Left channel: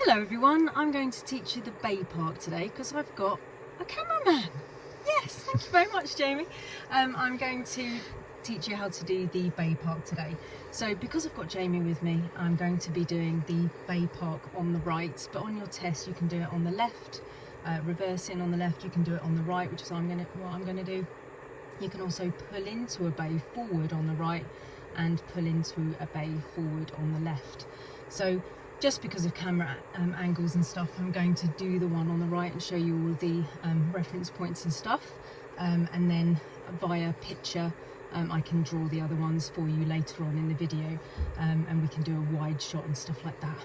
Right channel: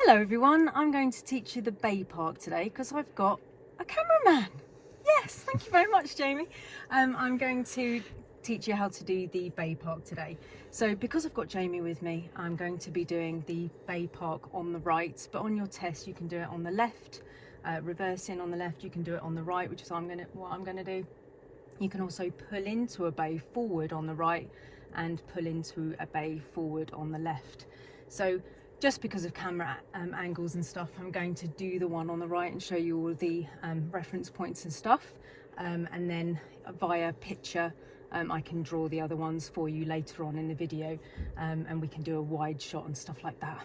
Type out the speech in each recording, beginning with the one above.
Hello everyone, I'm going to teach you the Bay Park today because I've got a cameraman. Yes, thank you very much, Jamie. I'm going to teach you how to do the Bay Park today. So because I've got Jamie with me, I'm going to be doing the Bay Park on the right, but on your test you can do it on the left, reversing on the left, you can do it on the right, which is what I'm going to do. You can also pull into a bay forward on the right and pull into a bay forward on the left. So just because of camera angles and stuff, I'm going to do the one on the right and show you all of the reference points and stuff, and then via picture I can draw the other ones for you later on in the video, and we can do a wide shot and stuff like that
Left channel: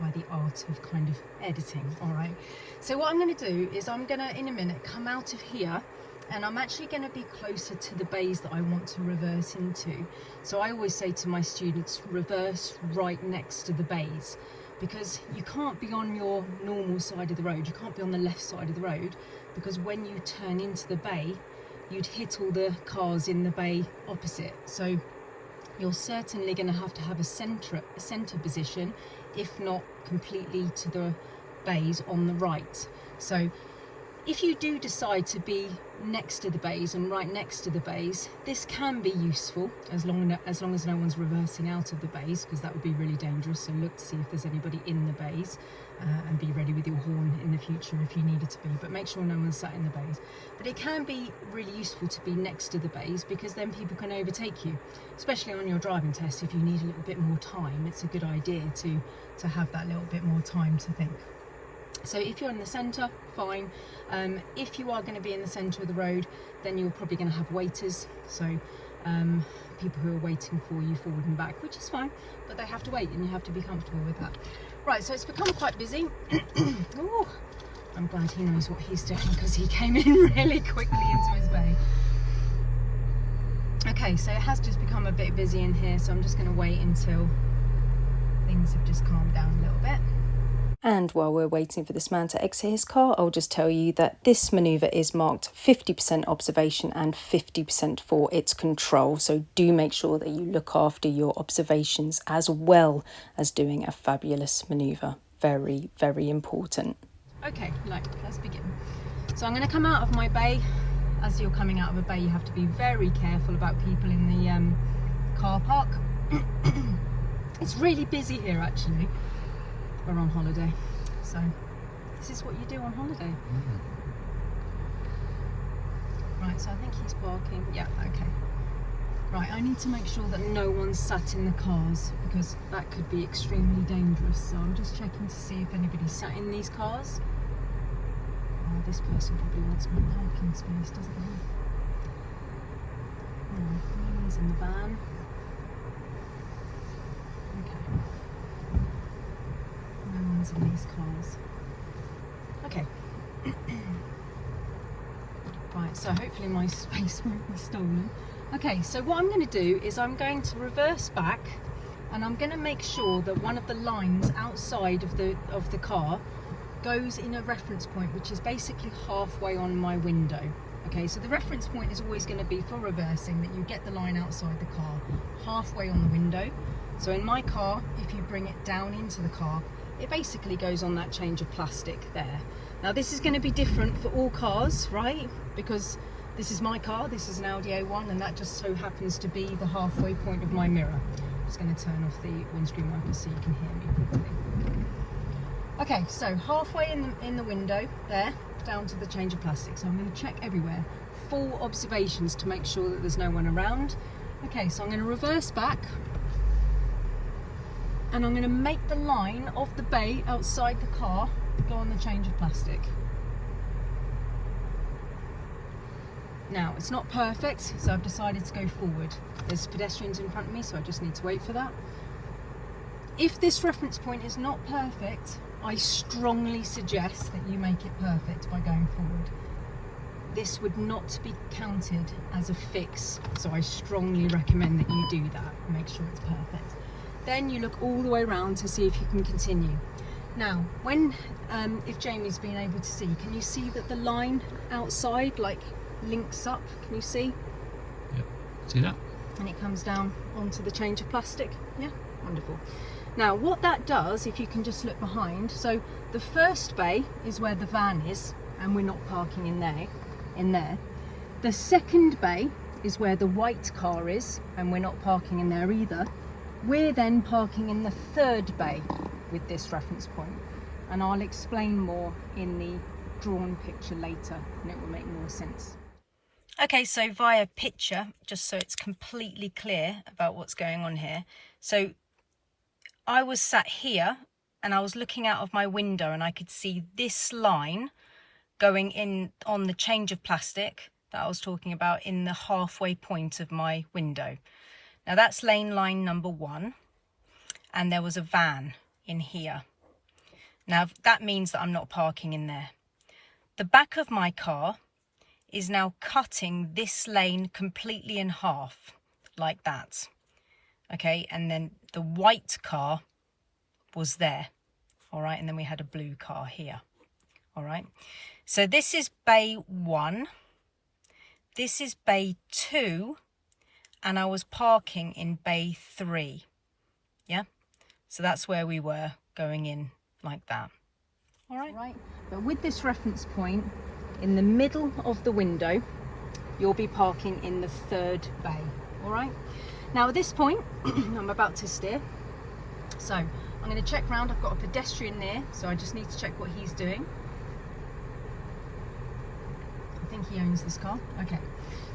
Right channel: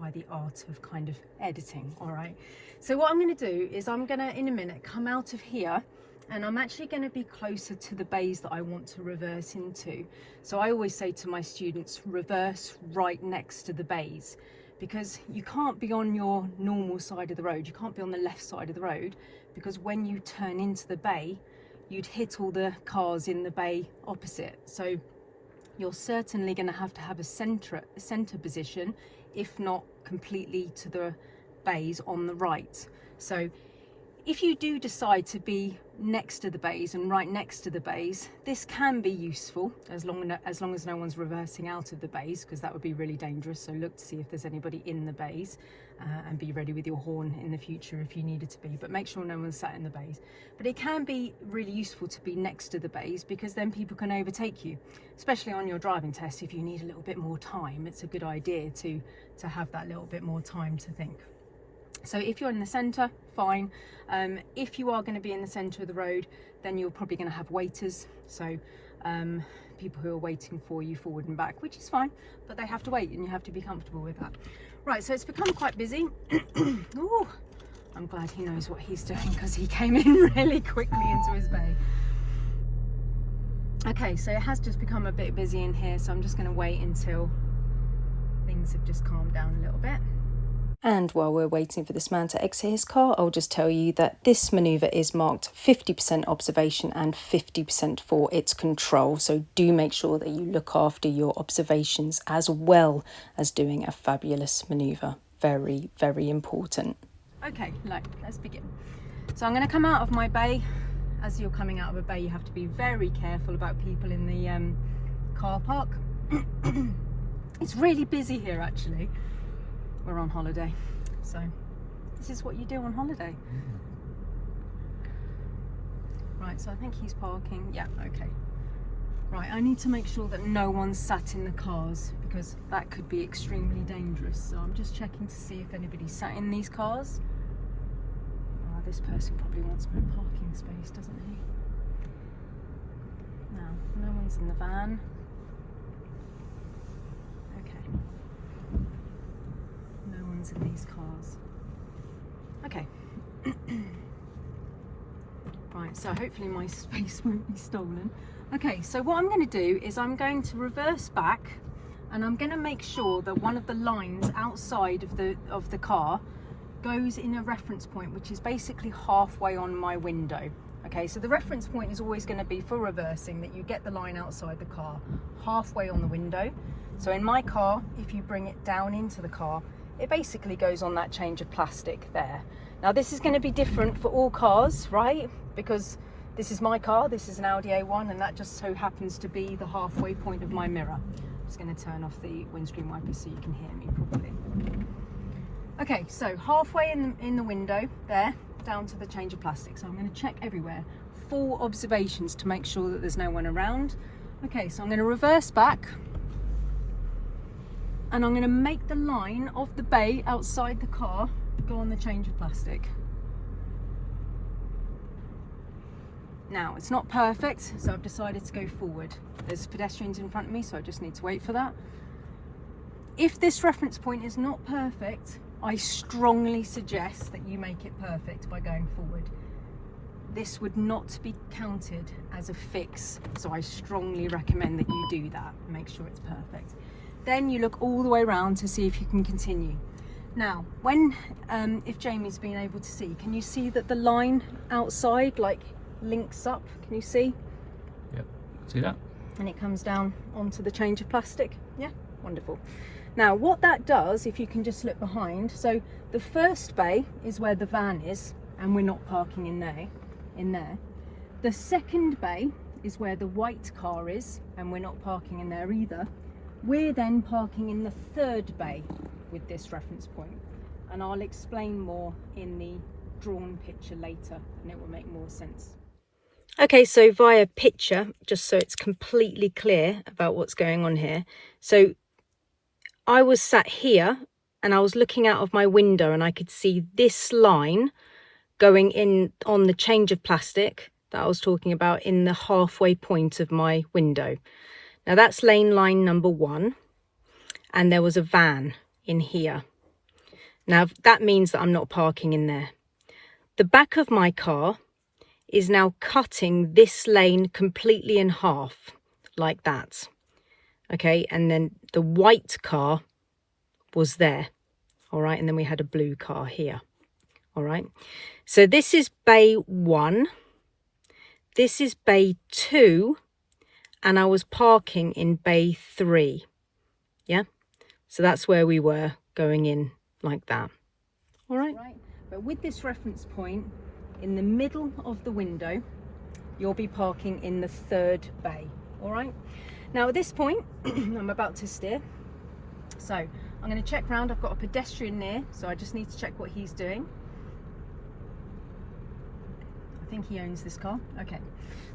by the art of kind of editing. All right, so what I'm going to do is I'm going to in a minute come out of here, and I'm actually going to be closer to the bays that I want to reverse into. So I always say to my students, reverse right next to the bays, because you can't be on your normal side of the road, you can't be on the left side of the road, because when you turn into the bay, you'd hit all the cars in the bay opposite. So you're certainly going to have a center position, if not completely to the bays on the right. So if you do decide to be next to the bays and right next to the bays, this can be useful as long as no one's reversing out of the bays, because that would be really dangerous. So look to see if there's anybody in the bays, and be ready with your horn in the future if you needed to be, but make sure no one's sat in the bays. But it can be really useful to be next to the bays, because then people can overtake you, especially on your driving test. If you need a little bit more time, it's a good idea to have that little bit more time to think. So if you're in the centre, fine. If you are going to be in the centre of the road, then you're probably going to have waiters, so people who are waiting for you forward and back, which is fine, but they have to wait and you have to be comfortable with that. Right, so it's become quite busy. Ooh, I'm glad he knows what he's doing, because he came in really quickly into his bay. Okay, so it has just become a bit busy in here, so I'm just going to wait until things have just calmed down a little bit. And while we're waiting for this man to exit his car, I'll just tell you that this manoeuvre is marked 50% observation and 50% for its control. So do make sure that you look after your observations as well as doing a fabulous manoeuvre. Very, very important. Okay, let's begin. So I'm going to come out of my bay. As you're coming out of a bay, you have to be very careful about people in the car park. It's really busy here, actually. We're on holiday, so this is what you do on holiday. Right, so I think he's parking. Yeah, okay. Right, I need to make sure that no one's sat in the cars, because that could be extremely dangerous. So I'm just checking to see if anybody's sat in these cars. Oh, this person probably wants my parking space, doesn't he? No one's in the van. In these cars. Okay. Right, so hopefully my space won't be stolen. Okay, so what I'm going to do is I'm going to reverse back, and I'm going to make sure that one of the lines outside of the car goes in a reference point, which is basically halfway on my window. Okay, so the reference point is always going to be for reversing, that you get the line outside the car halfway on the window. So in my car, if you bring it down into the car, it basically goes on that change of plastic there. Now this is going to be different for all cars, right? Because this is my car, this is an Audi A1, and that just so happens to be the halfway point of my mirror. I'm just going to turn off the windscreen wipers so you can hear me properly. Okay, so halfway in the window there, down to the change of plastic. So I'm going to check everywhere, full observations to make sure that there's no one around. Okay, so I'm going to reverse back, and I'm going to make the line of the bay outside the car go on the change of plastic. Now, it's not perfect, so I've decided to go forward. There's pedestrians in front of me, so I just need to wait for that. If this reference point is not perfect, I strongly suggest that you make it perfect by going forward. This would not be counted as a fix, so I strongly recommend that you do that. Make sure it's perfect. Then you look all the way around to see if you can continue. Now, if Jamie's been able to see, can you see that the line outside links up? Can you see? Yep, see that? And it comes down onto the change of plastic. Yeah, wonderful. Now what that does, if you can just look behind, so the first bay is where the van is, and we're not parking in there. The second bay is where the white car is, and we're not parking in there either. We're then parking in the third bay with this reference point, and I'll explain more in the drawn picture later, and it will make more sense. Okay, so via picture, just so it's completely clear about what's going on here. So I was sat here and I was looking out of my window, and I could see this line going in on the change of plastic that I was talking about in the halfway point of my window. Now that's lane line number 1, and there was a van in here. Now that means that I'm not parking in there. The back of my car is now cutting this lane completely in half, like that. Okay, and then the white car was there, all right, and then we had a blue car here, all right. So this is bay 1, this is bay 2, and I was parking in bay 3, yeah? So that's where we were going in like that, all right? But with this reference point in the middle of the window, you'll be parking in the third bay, all right? Now at this point, I'm about to steer. So I'm gonna check round. I've got a pedestrian near, so I just need to check what he's doing. I think he owns this car. Okay.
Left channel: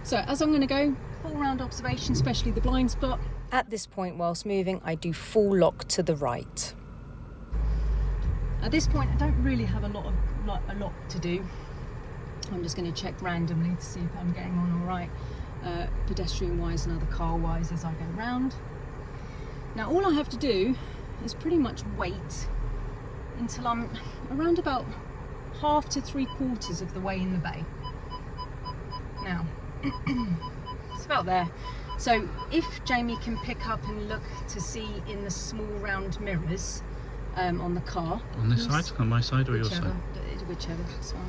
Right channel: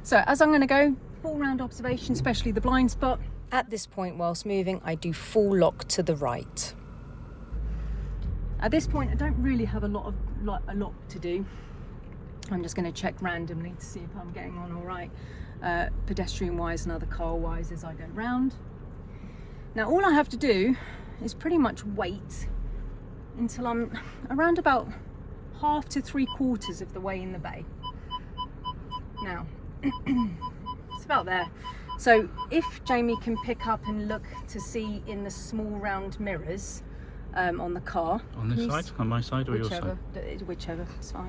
So as I'm gonna go, full round observation, especially the blind spot. At this point, whilst moving, I do full lock to the right. At this point, I don't really have a lot to do. I'm just going to check randomly to see if I'm getting on all right, pedestrian wise and other car wise as I go round. Now all I have to do is pretty much wait until I'm around about half to 3/4 of the way in the bay. Now it's about there. So if Jamie can pick up and look to see in the small round mirrors on the car. On this side, on my side, or your side? Whichever, it's fine.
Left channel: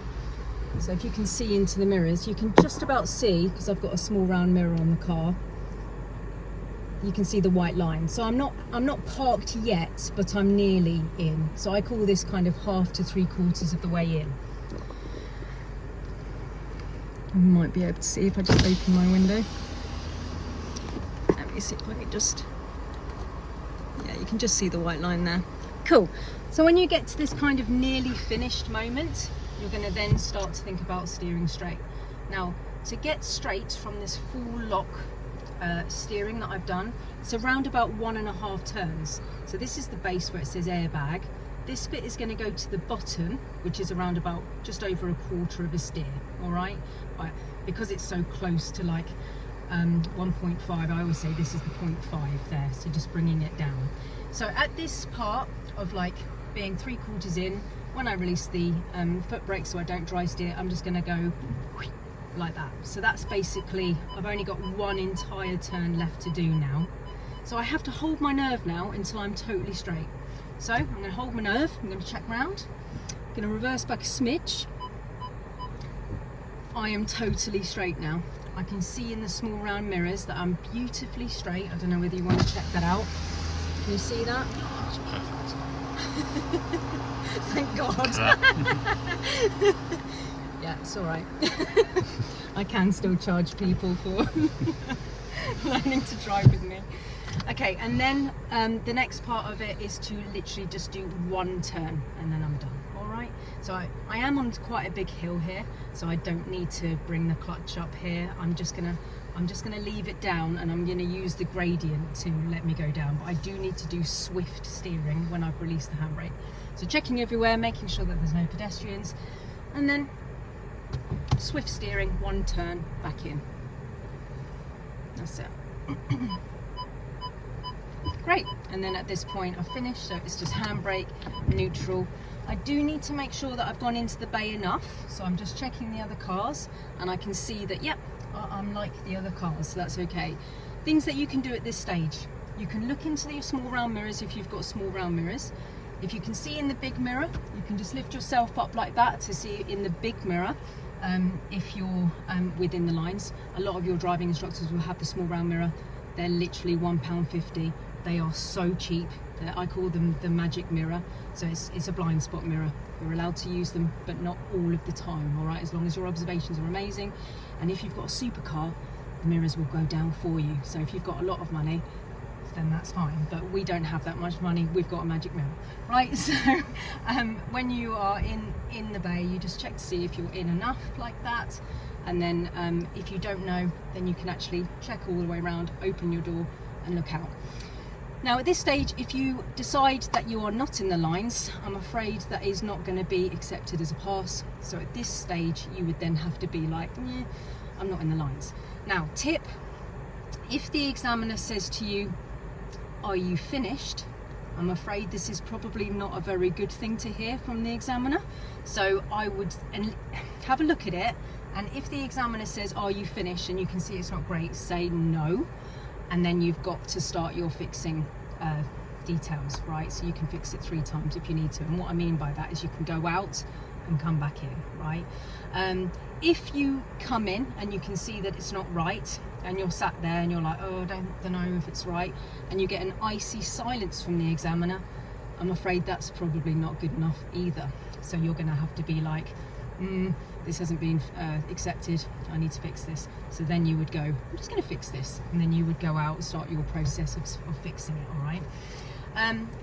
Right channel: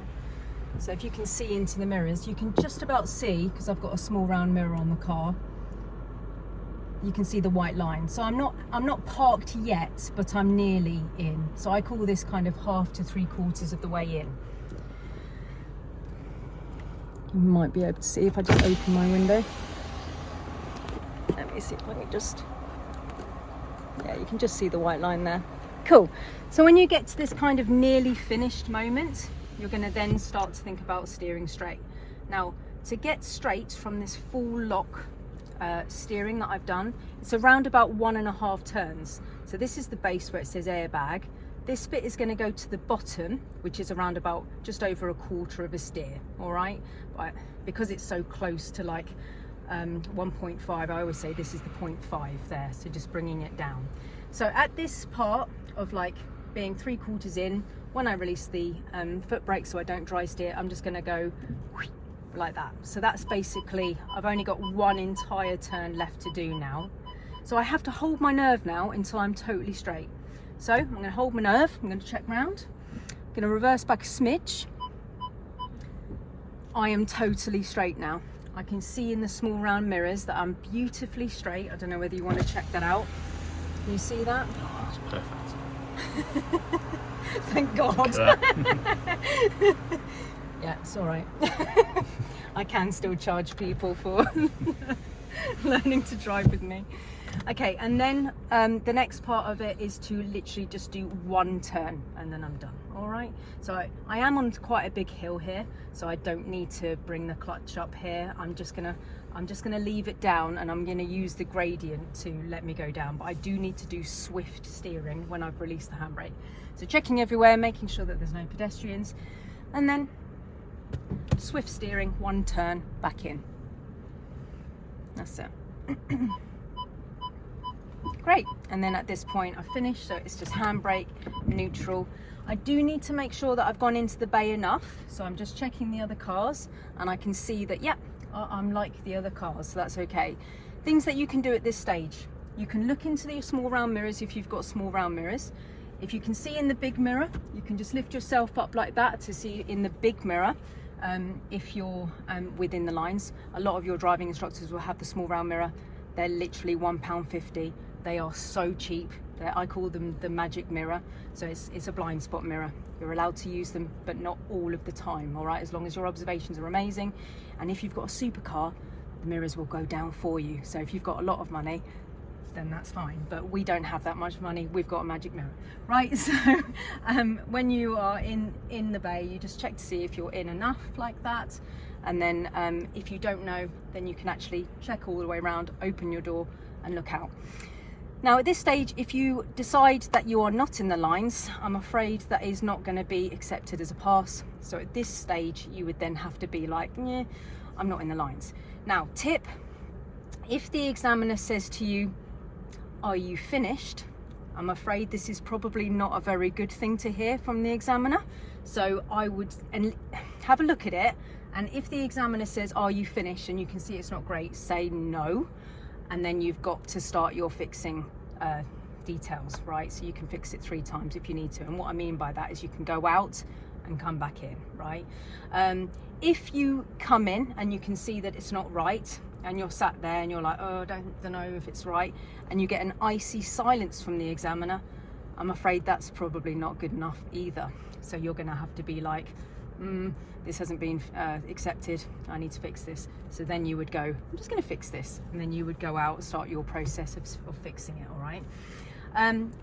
So if you can see into the mirrors, you can just about see, because I've got a small round mirror on the car, you can see the white line. So I'm not parked yet, but I'm nearly in. So I call this kind of half to 3/4 of the way in. You might be able to see if I just open my window. Let me see if I can just, yeah, you can just see the white line there. Cool. So when you get to this kind of nearly finished moment, you're going to then start to think about steering straight. Now, to get straight from this full lock steering that I've done, it's around about 1.5 turns. So this is the base where it says airbag. This bit is going to go to the bottom, which is around about just over 1/4 of a steer, all right? Because it's so close to like 1.5, I always say this is the 0.5 there, so just bringing it down. So at this part of like being 3/4 in, when I release the foot brake so I don't dry steer, I'm just going to go like that. So that's basically, I've only got one entire turn left to do now. So I have to hold my nerve now until I'm totally straight. So I'm going to hold my nerve, I'm going to check round, I'm going to reverse back a smidge. I am totally straight now. I can see in the small round mirrors that I'm beautifully straight. I don't know whether you want to check that out. Can you see that? Oh, that's perfect. Thank God. Yeah, it's all right. I can still charge people for learning to drive with me. Okay, and then the next part of it is to literally just do one turn and then I'm done. All right, so I am on quite a big hill here, so I don't need to bring the clutch up here. I'm just gonna leave it down, and I'm gonna use the gradient to let me go down, but I do need to do swift steering when I've released the handbrake. So checking everywhere, making sure that there's no pedestrians, and then swift steering, one turn, back in. That's it. Great, and then at this point I've finished, so it's just handbrake, neutral. I do need to make sure that I've gone into the bay enough, so I'm just checking the other cars, and I can see that, yep, I'm like the other cars, so that's okay. Things that you can do at this stage: you can look into the small round mirrors if you've got small round mirrors. If you can see in the big mirror, you can just lift yourself up like that to see in the big mirror. If you're within the lines, a lot of your driving instructors will have the small round mirror. They're literally £1.50. They are so cheap. I call them the magic mirror. So it's a blind spot mirror. You're allowed to use them, but not all of the time, all right? As long as your observations are amazing. And if you've got a supercar, the mirrors will go down for you. So if you've got a lot of money, then that's fine. But we don't have that much money. We've got a magic mirror, right? So when you are in the bay, you just check to see if you're in enough like that. And then if you don't know, then you can actually check all the way around, open your door and look out. Now at this stage, if you decide that you are not in the lines, I'm afraid that is not going to be accepted as a pass. So at this stage, you would then have to be like, yeah, I'm not in the lines. Now, tip, if the examiner says to you, are you finished? I'm afraid this is probably not a very good thing to hear from the examiner. So I would have a look at it. And if the examiner says, are you finished? And you can see it's not great, say no. And then you've got to start your fixing details, right? So you can fix it 3 times if you need to. And what I mean by that is you can go out and come back in, right? If you come in and you can see that it's not right, and you're sat there and you're like, oh, I don't know if it's right, and you get an icy silence from the examiner, I'm afraid that's probably not good enough either. So you're gonna have to be like, this hasn't been accepted, I need to fix this. So then you would go, I'm just going to fix this. And then you would go out and start your process of fixing it, all right?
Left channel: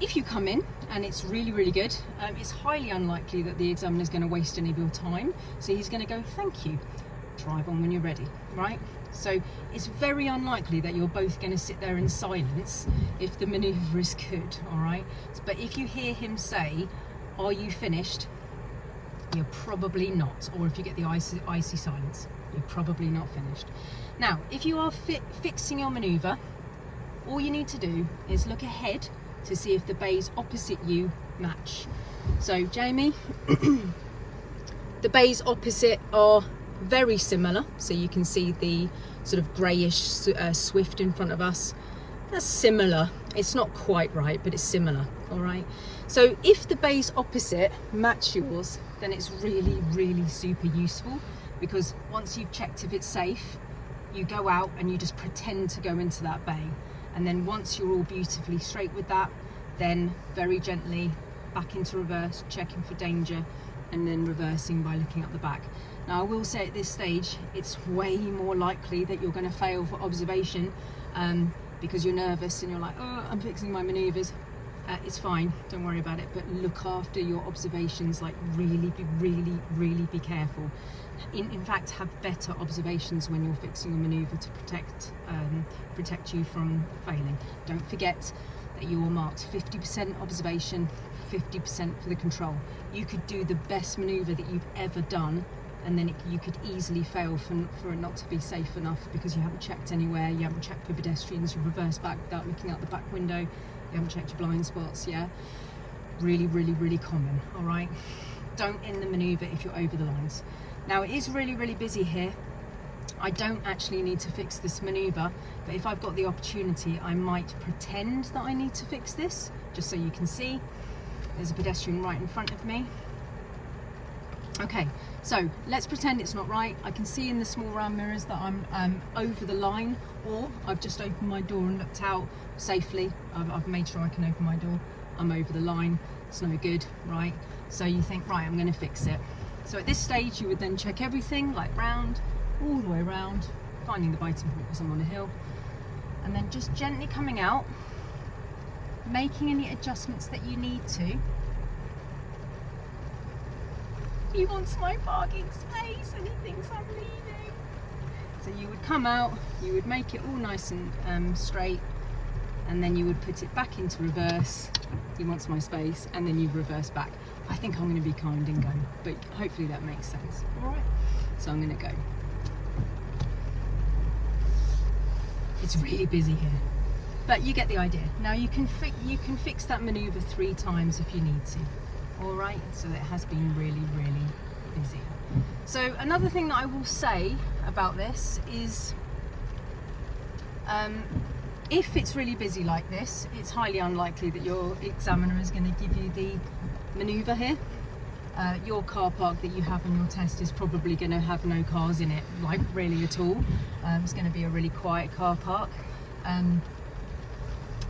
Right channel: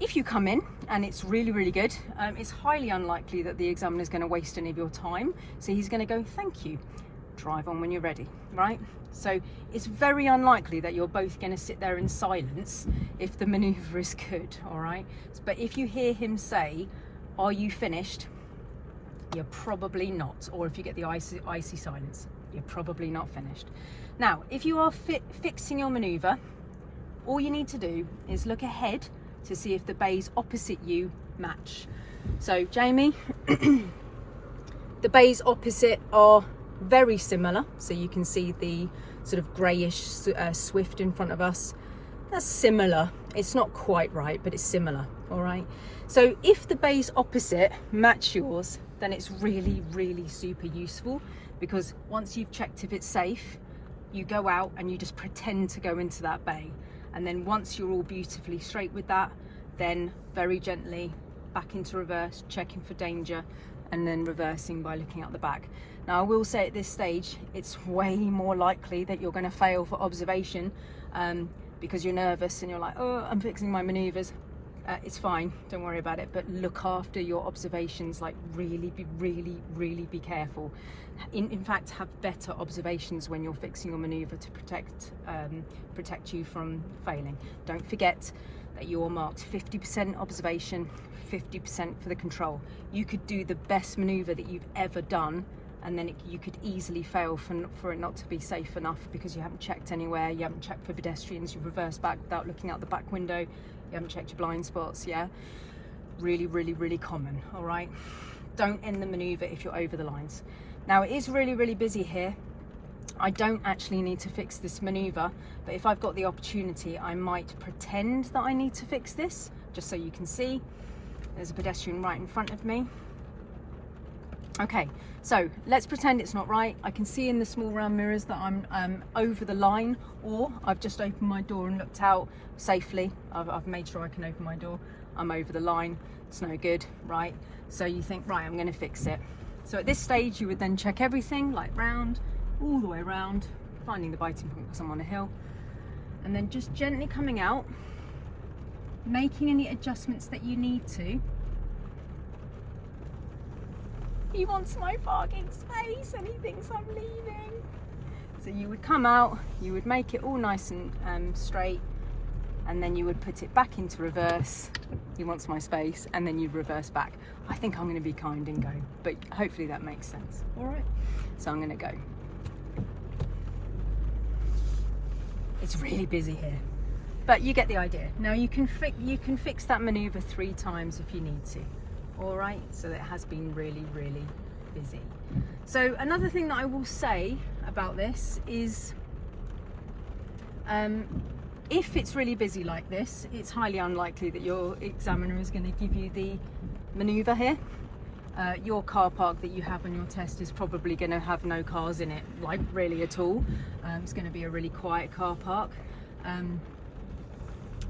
If you come in and it's really, really good, it's highly unlikely that the examiner is going to waste any of your time. So he's going to go, thank you, drive on when you're ready, right? So it's very unlikely that you're both going to sit there in silence if the maneuver is good, all right? But if you hear him say, are you finished? You're probably not. Or if you get the icy silence, you're probably not finished. Now, if you are fixing your maneuver, all you need to do is look ahead to see if the bays opposite you match. So, Jamie, the bays opposite are very similar. So you can see the sort of greyish Swift in front of us. That's similar. It's not quite right, but it's similar, all right? So if the bays opposite match yours, then it's really, really super useful, because once you've checked if it's safe, you go out and you just pretend to go into that bay. And then once you're all beautifully straight with that, then very gently back into reverse, checking for danger, and then reversing by looking out the back. Now, I will say at this stage, it's way more likely that you're going to fail for observation because you're nervous and you're like, oh, I'm fixing my maneuvers. It's fine, don't worry about it, but look after your observations, like really be careful. In fact, have better observations when you're fixing your maneuver to protect you from failing. Don't forget that you're marked 50% observation, 50% for the control. You could do the best maneuver that you've ever done, and then you could easily fail for it not to be safe enough because you haven't checked anywhere, you haven't checked for pedestrians, you reverse back without looking out the back window, you haven't checked your blind spots, yeah? Really common, all right? Don't end the maneuver if you're over the lines. Now, it is really busy here. I don't actually need to fix this maneuver, but if I've got the opportunity, I might pretend that I need to fix this, just so you can see. There's a pedestrian right in front of me. Okay, so let's pretend it's not right. I can see in the small round mirrors that I'm over the line, or I've just opened my door and looked out safely. I've made sure I can open my door. I'm over the line, it's no good, right? So you think, right, I'm gonna fix it. So at this stage, you would then check everything, like round, all the way around, finding the biting point because I'm on a hill, and then just gently coming out, making any adjustments that you need to. He wants my parking space and he thinks I'm leaving. So you would come out, you would make it all nice and straight, and then you would put it back into reverse. He wants my space, and then you reverse back. I think I'm going to be kind and go, but hopefully that makes sense. All right, so I'm going to go. It's really busy here, but you get the idea. Now you can fix that maneuver 3 times if you need to. All right, so it has been really busy. So another thing that I will say about this is if it's really busy like this, it's highly unlikely that your examiner is going to give you the maneuver here. Your car park that you have on your test is probably going to have no cars in it, like really at all. It's going to be a really quiet car park.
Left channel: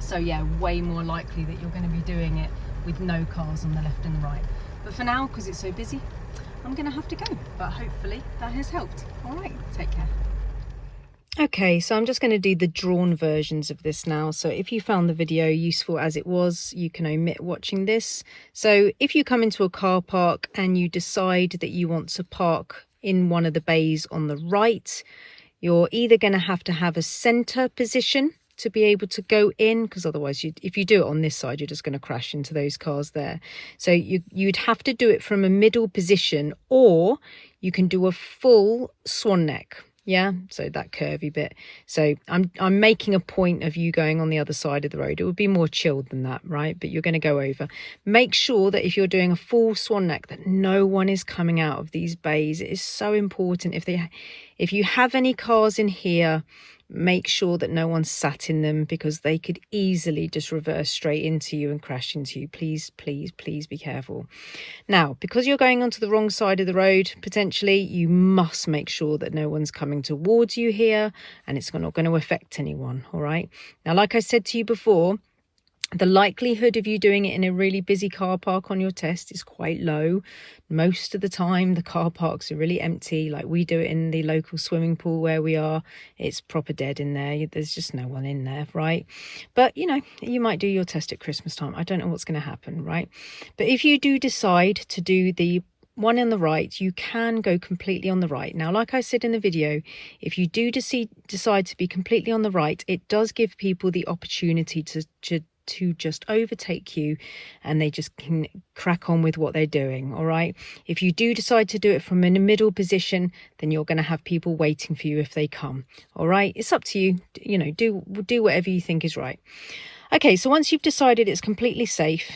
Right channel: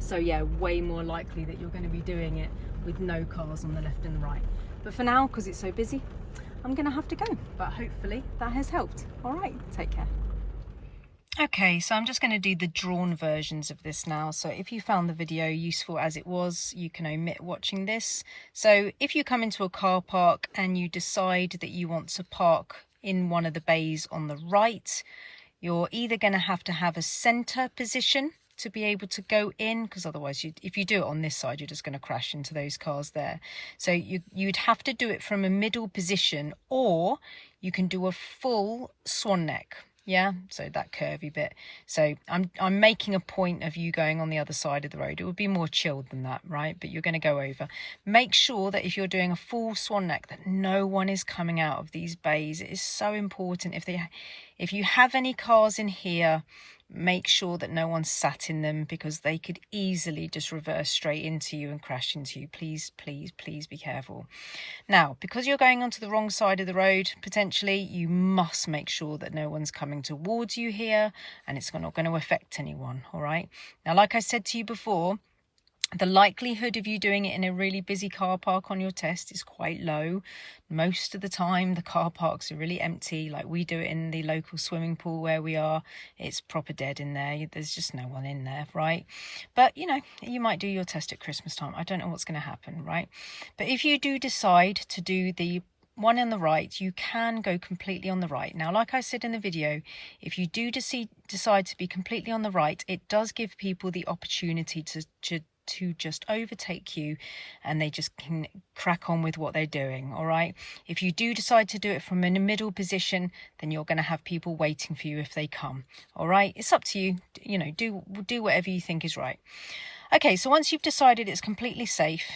So yeah, way more likely that you're going to be doing it with no cars on the left and the right. But for now, because it's so busy, I'm going to have to go. But hopefully that has helped. All right, take care. Okay, so I'm just going to do the drawn versions of this now. So if you found the video useful as it was, you can omit watching this. So if you come into a car park and you decide that you want to park in one of the bays on the right, you're either going to have a center position to be able to go in, because otherwise if you do it on this side, you're just going to crash into those cars there. So you'd have to do it from a middle position, or you can do a full swan neck. Yeah, so that curvy bit. So I'm making a point of you going on the other side of the road. It would be more chilled than that, right? But you're going to go over. Make sure that if you're doing a full swan neck, that no one is coming out of these bays. It is so important. If you have any cars in here, make sure that no one's sat in them, because they could easily just reverse straight into you and crash into you. Please, please, please be careful. Now, because you're going onto the wrong side of the road, potentially, you must make sure that no one's coming towards you here, and it's not going to affect anyone, all right? Now, like I said to you before, the likelihood of you doing it in a really busy car park on your test is quite low. Most of the time, the car parks are really empty. Like we do it in the local swimming pool where we are. It's proper dead in there. There's just no one in there, right? But, you know, you might do your test at Christmas time. I don't know what's going to happen, right? But if you do decide to do the one on the right, you can go completely on the right. Now, like I said in the video, if you do decide to be completely on the right, it does give people the opportunity to just overtake you, and they just can crack on with what they're doing. All right, if you do decide to do it from in a middle position, then you're going to have people waiting for you if they come. All right, it's up to you. You know, do whatever you think is right. Okay, so once you've decided it's completely safe,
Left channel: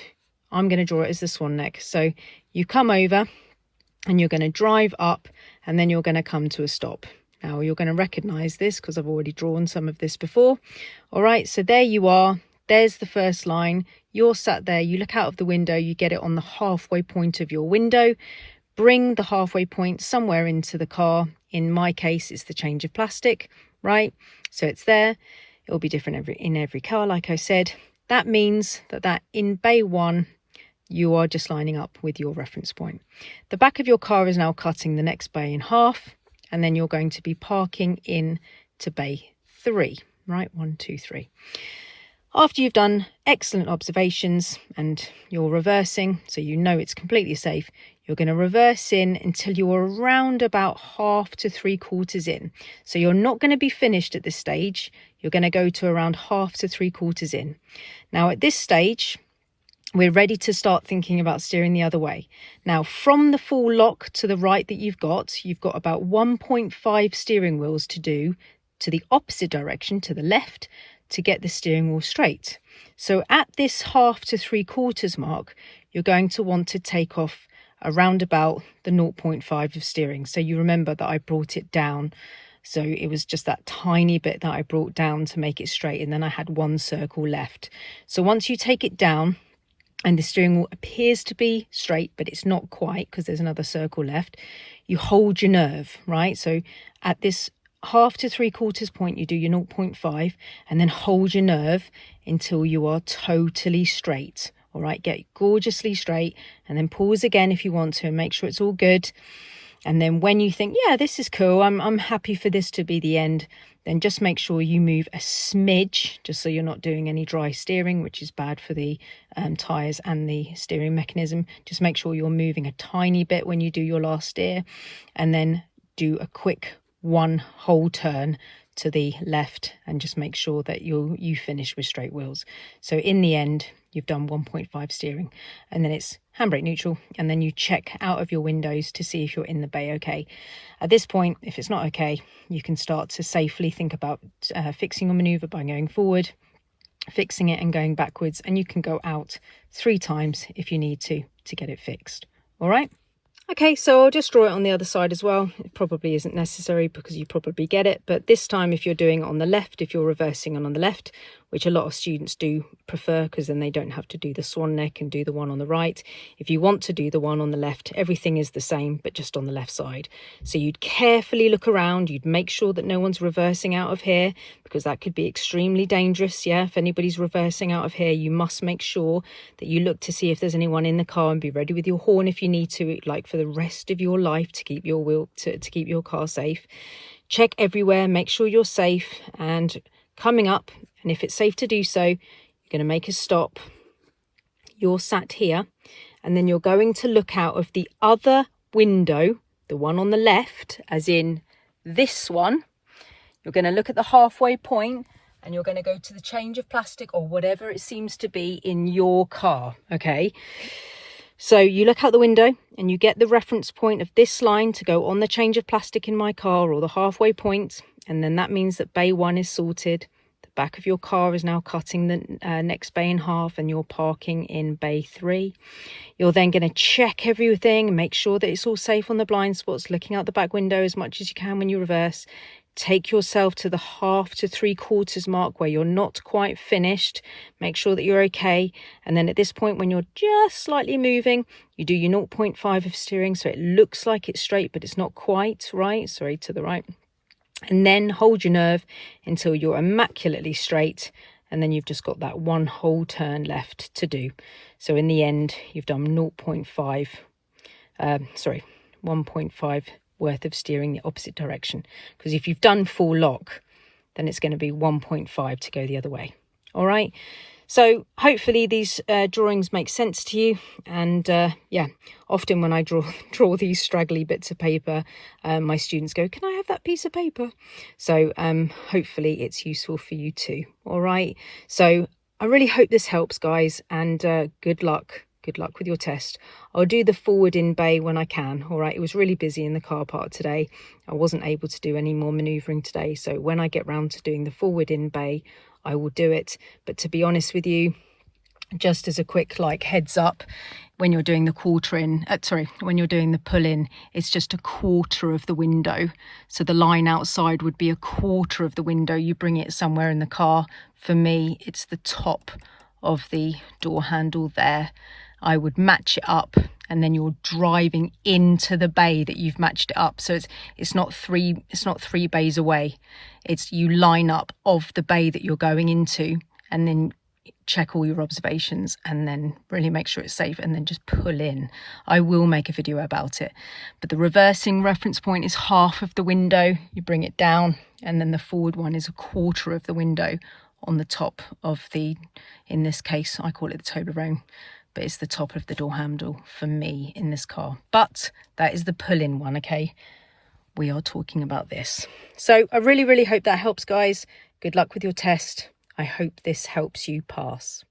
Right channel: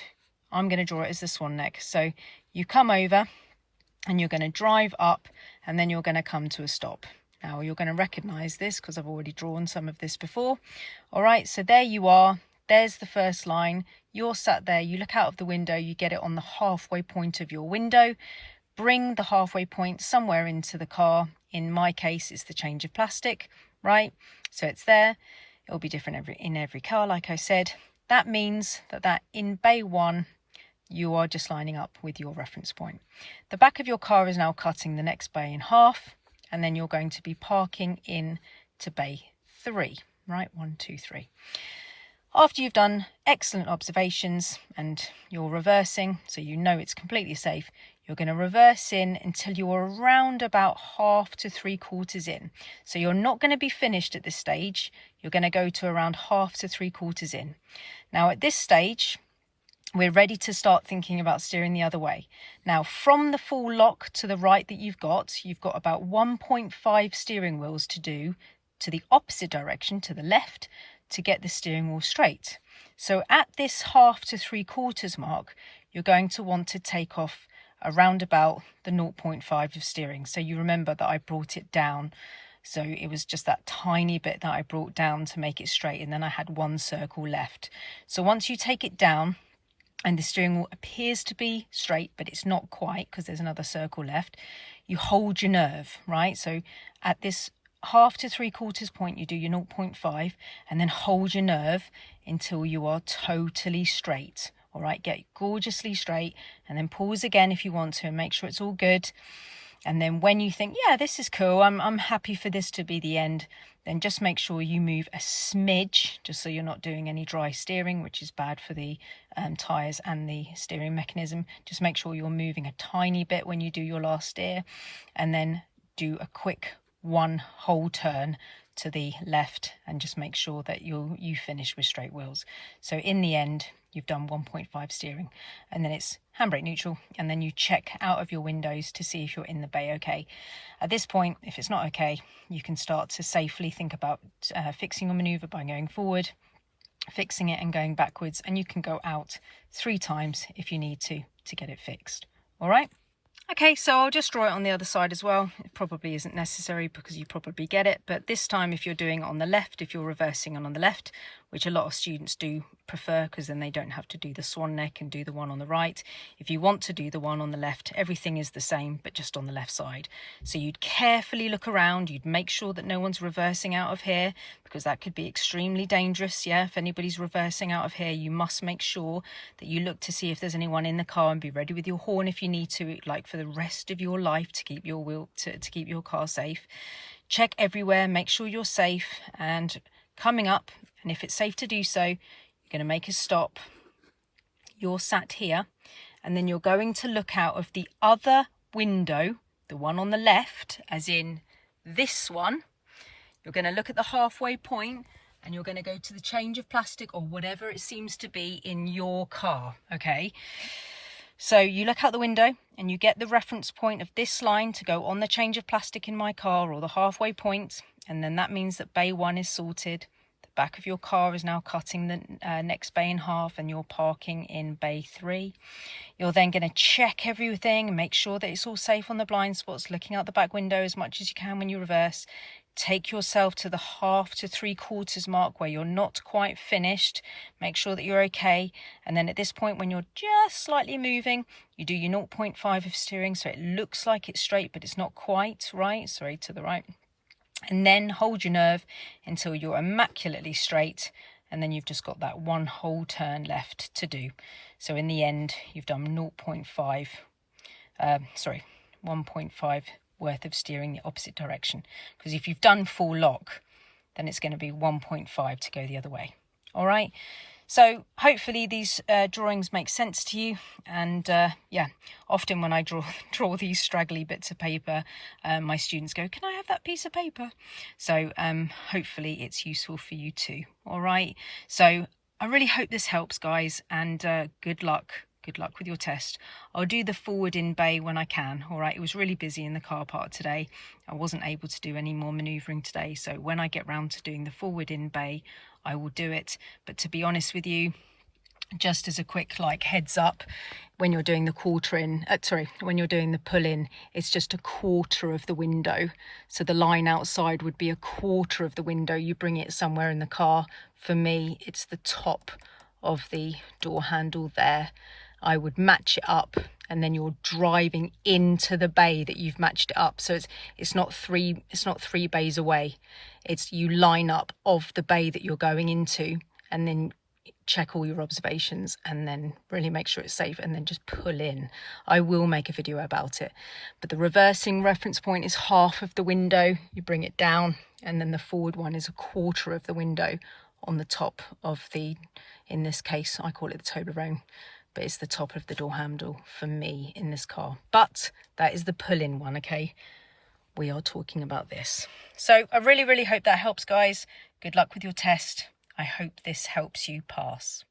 I'm going to draw it as the swan neck. So you come over and you're going to drive up, and then you're going to come to a stop. Now you're going to recognize this because I've already drawn some of this before. All right, so there you are. There's the first line. You're sat there, you look out of the window, you get it on the halfway point of your window. Bring the halfway point somewhere into the car. In my case, it's the change of plastic, right? So it's there. It will be different in every car, like I said. That means that in bay 1, you are just lining up with your reference point. The back of your car is now cutting the next bay in half, and then you're going to be parking in to bay 3, right? 1, 2, 3. After you've done excellent observations and you're reversing, so you know it's completely safe, you're going to reverse in until you're around about half to 3/4 in. So you're not going to be finished at this stage. You're going to go to around half to 3/4 in. Now at this stage, we're ready to start thinking about steering the other way. Now from the full lock to the right that you've got about 1.5 steering wheels to do to the opposite direction, to the left, to get the steering wheel straight. So at this half to 3/4 mark, you're going to want to take off around about the 0.5 of steering. So you remember that I brought it down. So it was just that tiny bit that I brought down to make it straight, and then I had 1 circle left. So once you take it down and the steering wheel appears to be straight, but it's not quite because there's another circle left, you hold your nerve, right? So at this half to 3/4 point, you do your 0.5 and then hold your nerve until you are totally straight. All right, get gorgeously straight, and then pause again if you want to and make sure it's all good. And then when you think, yeah, this is cool, I'm happy for this to be the end, then just make sure you move a smidge, just so you're not doing any dry steering, which is bad for the tyres and the steering mechanism. Just make sure you're moving a tiny bit when you do your last steer, and then do a quick 1 whole turn to the left, and just make sure that you finish with straight wheels. So in the end, you've done 1.5 steering, and then it's handbrake neutral, and then you check out of your windows to see if you're in the bay okay. At this point, if it's not okay, you can start to safely think about fixing your maneuver by going forward, fixing it and going backwards, and you can go out 3 times if you need to get it fixed. All right. Okay, so I'll just draw it on the other side as well. It probably isn't necessary because you probably get it. But this time, if you're doing it on the left, if you're reversing on the left, which a lot of students do prefer because then they don't have to do the swan neck and do the one on the right. If you want to do the one on the left, everything is the same, but just on the left side. So you'd carefully look around. You'd make sure that no one's reversing out of here because that could be extremely dangerous. Yeah, if anybody's reversing out of here, you must make sure that you look to see if there's anyone in the car and be ready with your horn if you need to, like for the rest of your life, to keep your to keep your car safe. Check everywhere, make sure you're safe, and coming up, and if it's safe to do so, you're going to make a stop. You're sat here, and then you're going to look out of the other window, the one on the left, as in this one. You're going to look at the halfway point, and you're going to go to the change of plastic or whatever it seems to be in your car, okay? So you look out the window and you get the reference point of this line to go on the change of plastic in my car, or the halfway point, and then that means that bay 1 is sorted. The back of your car is now cutting the next bay in half and you're parking in bay 3. You're then going to check everything and make sure that it's all safe on the blind spots, looking out the back window as much as you can when you reverse. Take yourself to the 1/2 to 3/4 mark where you're not quite finished. Make sure that you're okay. And then at this point, when you're just slightly moving, you do your 0.5 of steering. So it looks like it's straight, but it's not quite right. Sorry, to the right. And then hold your nerve until you're immaculately straight. And then you've just got that one whole turn left to do. So in the end, you've done 1.5 worth of steering the opposite direction, because if you've done full lock, then it's going to be 1.5 to go the other way. All right, so hopefully these drawings make sense to you. And yeah, often when I draw these straggly bits of paper, my students go, can I have that piece of paper? So hopefully it's useful for you too. All right, so I really hope this helps, guys, and good luck. Good luck with your test. I'll do the forward in bay when I can. All right, it was really busy in the car park today. I wasn't able to do any more manoeuvring today. So when I get round to doing the forward in bay, I will do it. But to be honest with you, just as a quick like heads up, when you're doing the when you're doing the pull in, it's just 1/4 of the window. So the line outside would be 1/4 of the window. You bring it somewhere in the car. For me, it's the top of the door handle there. I would match it up, and then you're driving into the bay that you've matched it up. So it's not three bays away. It's you line up of the bay that you're going into, and then check all your observations, and then really make sure it's safe, and then just pull in. I will make a video about it, but the reversing reference point is 1/2 of the window. You bring it down, and then the forward one is 1/4 of the window on the top of the, in this case I call it the Toblerone, but it's the top of the door handle for me in this car. But that is the pull-in one, okay? We are talking about this. So I really, really hope that helps, guys. Good luck with your test. I hope this helps you pass.